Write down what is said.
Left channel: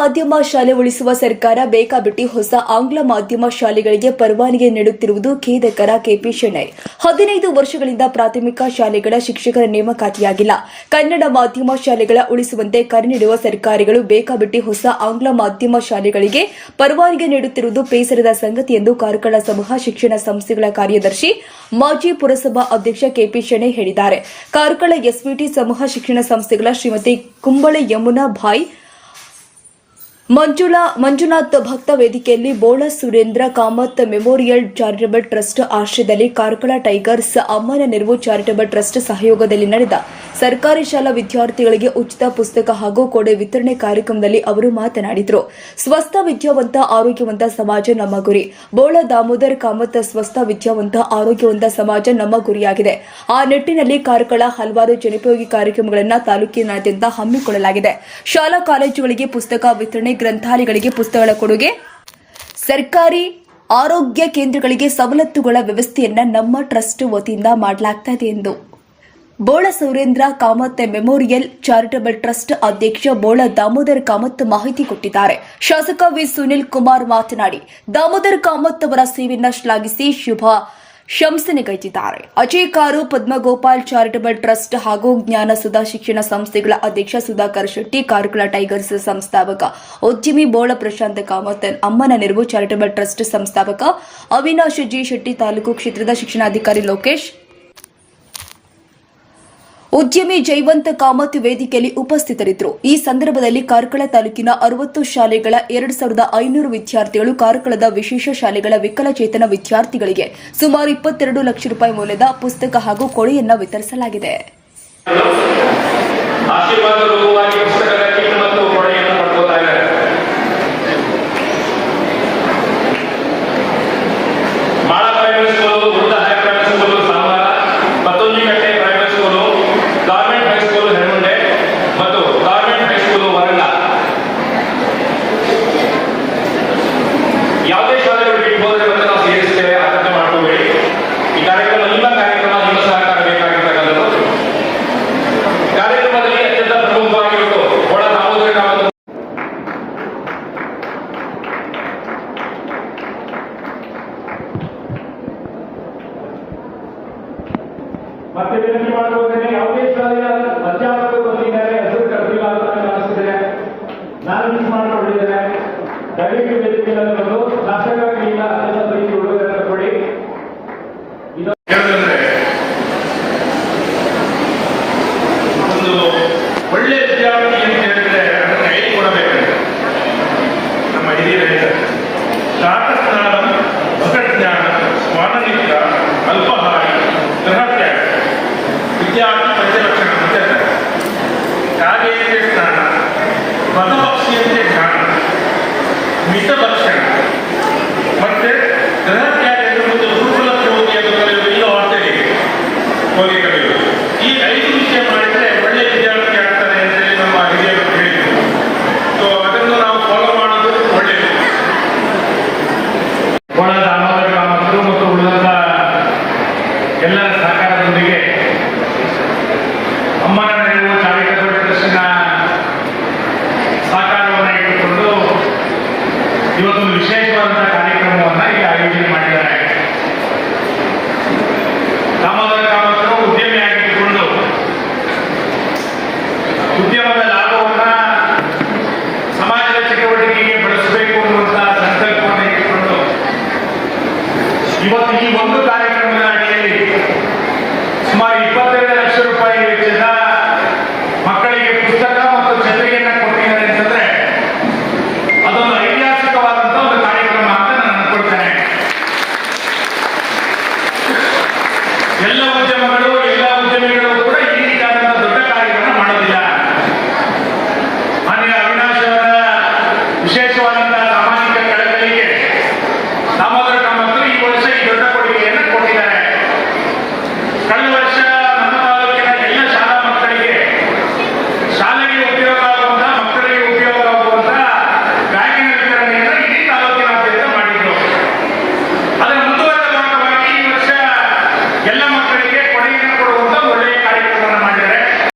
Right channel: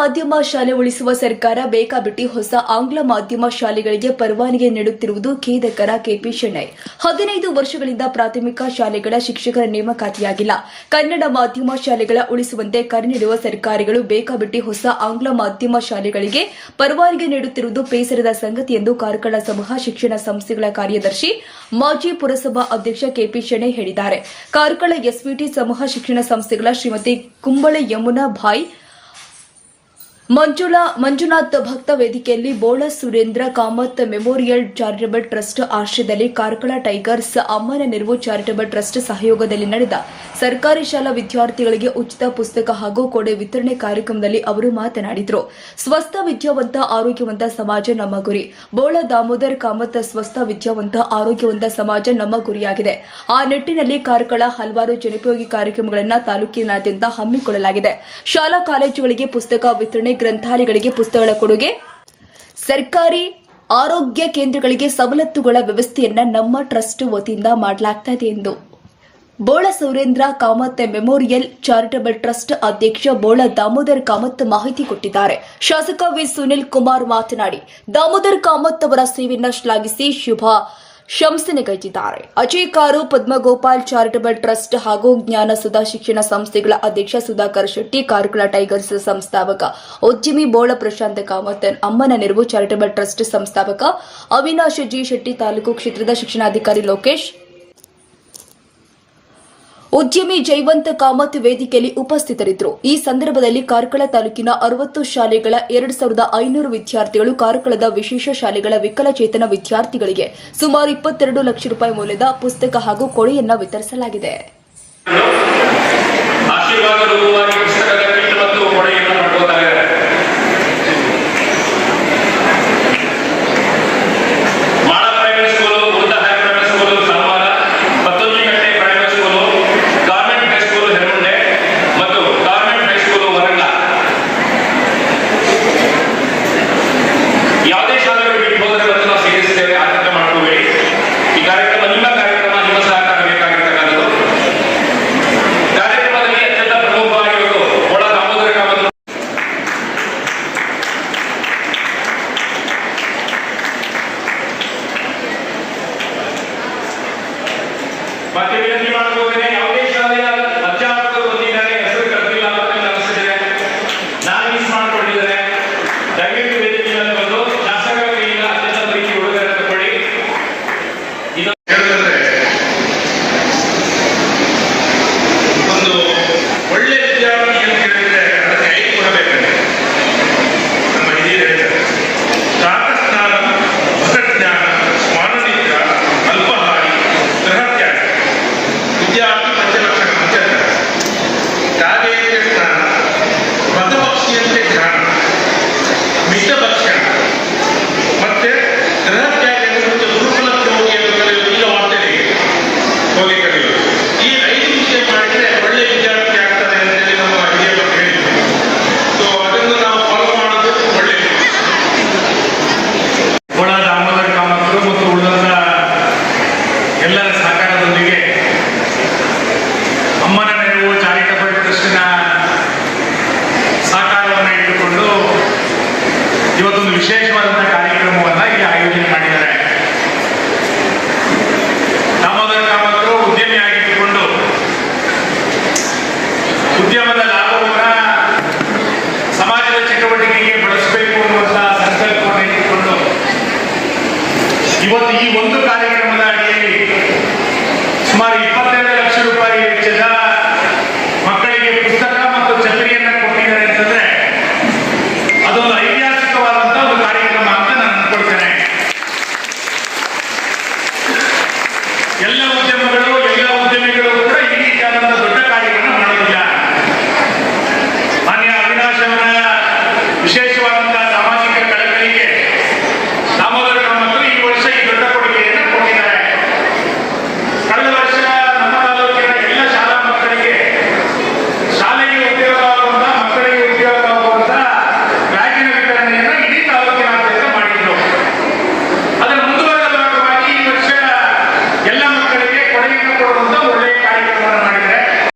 ಮಾಧ್ಯಮ ಶಾಲೆ ಉಳಿಸುವ ಸರ್ಕಾರ ಬೇಕಾಬಿಟ್ಟಿ ಹೊಸ ಆಂಗ್ಲ ಮಾಧ್ಯಮ ಶಾಲೆಗಳಿಗೆ ಪರವಾನಗಿ ನೀಡುತ್ತಿರುವುದು ಖೇದಕರ ಕೆಪಿ ಶೆಣೈ. ಹದಿನೈದು ವರ್ಷಗಳಿಂದ ಪ್ರಾಥಮಿಕ ಶಾಲೆಗಳ ಶಿಕ್ಷಕರ ನೇಮಕಾತಿಯಾಗಿಲ್ಲ. ಕನ್ನಡ ಮಾಧ್ಯಮ ಶಾಲೆಗಳ ಉಳಿಸುವಂತೆ ಕರೆ ನೀಡುವ ಸರ್ಕಾರಗಳು ಬೇಕಾಬಿಟ್ಟಿ ಹೊಸ ಆಂಗ್ಲ ಮಾಧ್ಯಮ ಶಾಲೆಗಳಿಗೆ ಪರವಾನಗಿ ನೀಡುತ್ತಿರುವುದು ಬೇಸರದ ಸಂಗತಿ ಎಂದು ಕಾರ್ಕಳ ಸಮೂಹ ಶಿಕ್ಷಣ ಸಂಸ್ಥೆಗಳ ಕಾರ್ಯದರ್ಶಿ, ಮಾಜಿ ಪುರಸಭಾ ಅಧ್ಯಕ್ಷ ಕೆಪಿ ಶೆಣೈ ಹೇಳಿದ್ದಾರೆ. ಕಾರ್ಕಳ ಎಸ್ವಿಟಿ ಸಮೂಹ ಶಿಕ್ಷಣ ಸಂಸ್ಥೆಗಳ ಶ್ರೀಮತಿ ಕುಂಬಳೆ ಯಮುನಾ ಭಾಯ್ ಮಂಜುಳಾ, ಮಂಜುನಾಥ್ ಭಕ್ತ ವೇದಿಕೆಯಲ್ಲಿ Bola Surendra Kamath memorial charitable trust ಆಶ್ರಯದಲ್ಲಿ ಕಾರ್ಕಳ ಟೈಗರ್ಸ್ ಅಮ್ಮನ ನೆರವು ಚಾರಿಟಬಲ್ ಟ್ರಸ್ಟ್ ಸಹಯೋಗದಲ್ಲಿ ನಡೆದ ಸರ್ಕಾರಿ ಶಾಲಾ ವಿದ್ಯಾರ್ಥಿಗಳಿಗೆ ಉಚಿತ ಪುಸ್ತಕ ಹಾಗೂ ಕೊಡೆ ವಿತರಣೆ ಕಾರ್ಯಕ್ರಮದಲ್ಲಿ ಅವರು ಮಾತನಾಡಿದರು. ಸ್ವಸ್ಥ ವಿದ್ಯಾವಂತ, ಆರೋಗ್ಯವಂತ ಸಮಾಜ ನಮ್ಮ ಗುರಿ. ಬೋಳ ದಾಮೋದರ್ ಕಾಮತ್ ಸ್ವಸ್ಥ ವಿದ್ಯಾವಂತ, ಆರೋಗ್ಯವಂತ ಸಮಾಜ ನಮ್ಮ ಗುರಿಯಾಗಿದೆ. ಆ ನಿಟ್ಟಿನಲ್ಲಿ ಕಾರ್ಕಳ ಹಲವಾರು ಜನೋಪಯೋಗಿ ಕಾರ್ಯಕ್ರಮಗಳನ್ನು ತಾಲೂಕಿನಾದ್ಯಂತ ಹಮ್ಮಿಕೊಳ್ಳಲಾಗಿದೆ. ಶಾಲಾ ಕಾಲೇಜುಗಳಿಗೆ ಪುಸ್ತಕ ವಿತರಣೆ ಗ್ರಂಥಾಲಯಗಳಿಗೆ ಪುಸ್ತಕಗಳ ಕೊಡುಗೆ. ಸರ್ಕಾರಿ ಆರೋಗ್ಯ ಕೇಂದ್ರಗಳಿಗೆ ಸವಲತ್ತುಗಳ ವ್ಯವಸ್ಥೆಯನ್ನ ನಮ್ಮ ಟ್ರಸ್ಟ್ ವತಿಯಿಂದ ಮಾಡಲಾಗ್ತಾ ಇದೆ ಎಂದು Bola Saurendra Kamath memorial charitable trust ಅಧ್ಯಕ್ಷ ಬೋಳ ದಾಮೋದರ್ ಕಾಮತ್ ಮಾಹಿತಿ ಕೊಟ್ಟಿದ್ದಾರೆ. ಶಾಸಕ ವಿ ಸುನಿಲ್ ಕುಮಾರ್ ಮಾತನಾಡಿ, ದಾಮೋದರ್ ಕಾಮತ್ ಅವರ ಸೇವೆಯನ್ನ ಶ್ಲಾಘಿಸಿ ಶುಭ ಶಂಸನೆಗೈದಿದ್ದಾರೆ ಅಜಯ್ ಕಾರು, ಪದ್ಮಗೋಪಾಲ್ ಚಾರಿಟಬಲ್ ಟ್ರಸ್ಟ್ ಹಾಗೂ ಜ್ಞಾನ ಸುಧಾ ಶಿಕ್ಷಣ ಸಂಸ್ಥೆಗಳ ಅಧ್ಯಕ್ಷ ಸುಧಾಕರ್ ಶೆಟ್ಟಿ, ಕಾರ್ಕಳ ಟೈಗರ್ಸ್ ಸಂಸ್ಥಾಪಕ ಉದ್ಯಮಿ ಬೋಳ ಪ್ರಶಾಂತ್ ಕಾಮತ್ ಅಮ್ಮನ ನೆರವು ಚಾರಿಟಬಲ್ ಟ್ರಸ್ಟ್ ಸಂಸ್ಥಾಪಕ ಅವಿನಾಶ್ ಜಿ ಶೆಟ್ಟಿ, ತಾಲೂಕು ಕ್ಷೇತ್ರದ ಶಿಕ್ಷಣಾಧಿಕಾರಿ ಲೋಕೇಶ್ ಉದ್ಯಮಿ ಜೈವಂತ ಕಾಮತ್ ವೇದಿಕೆಯಲ್ಲಿ ಉಪಸ್ಥಿತರಿದ್ದರು. ಈ ಸಂದರ್ಭದಲ್ಲಿ ಕಾರ್ಕಳ ತಾಲೂಕಿನ ಅರವತ್ತು ಶಾಲೆಗಳ ಎರಡು ಸಾವಿರದ ಐನೂರು ವಿದ್ಯಾರ್ಥಿಗಳು ಕಾರ್ಕಳದ ವಿಶೇಷ ಶಾಲೆಗಳ ವಿಕಲಚೇತನ ವಿದ್ಯಾರ್ಥಿಗಳಿಗೆ ಸುಮಾರು ಇಪ್ಪತ್ತೆರಡು ಲಕ್ಷ ರೂಪಾಯಿ ಮೌಲ್ಯದ ಪುಸ್ತಕ ಹಾಗೂ ಕೊಡೆಯನ್ನ ವಿತರಿಸಲಾಗಿದೆ. मध्य की बात बोल रहे हैं।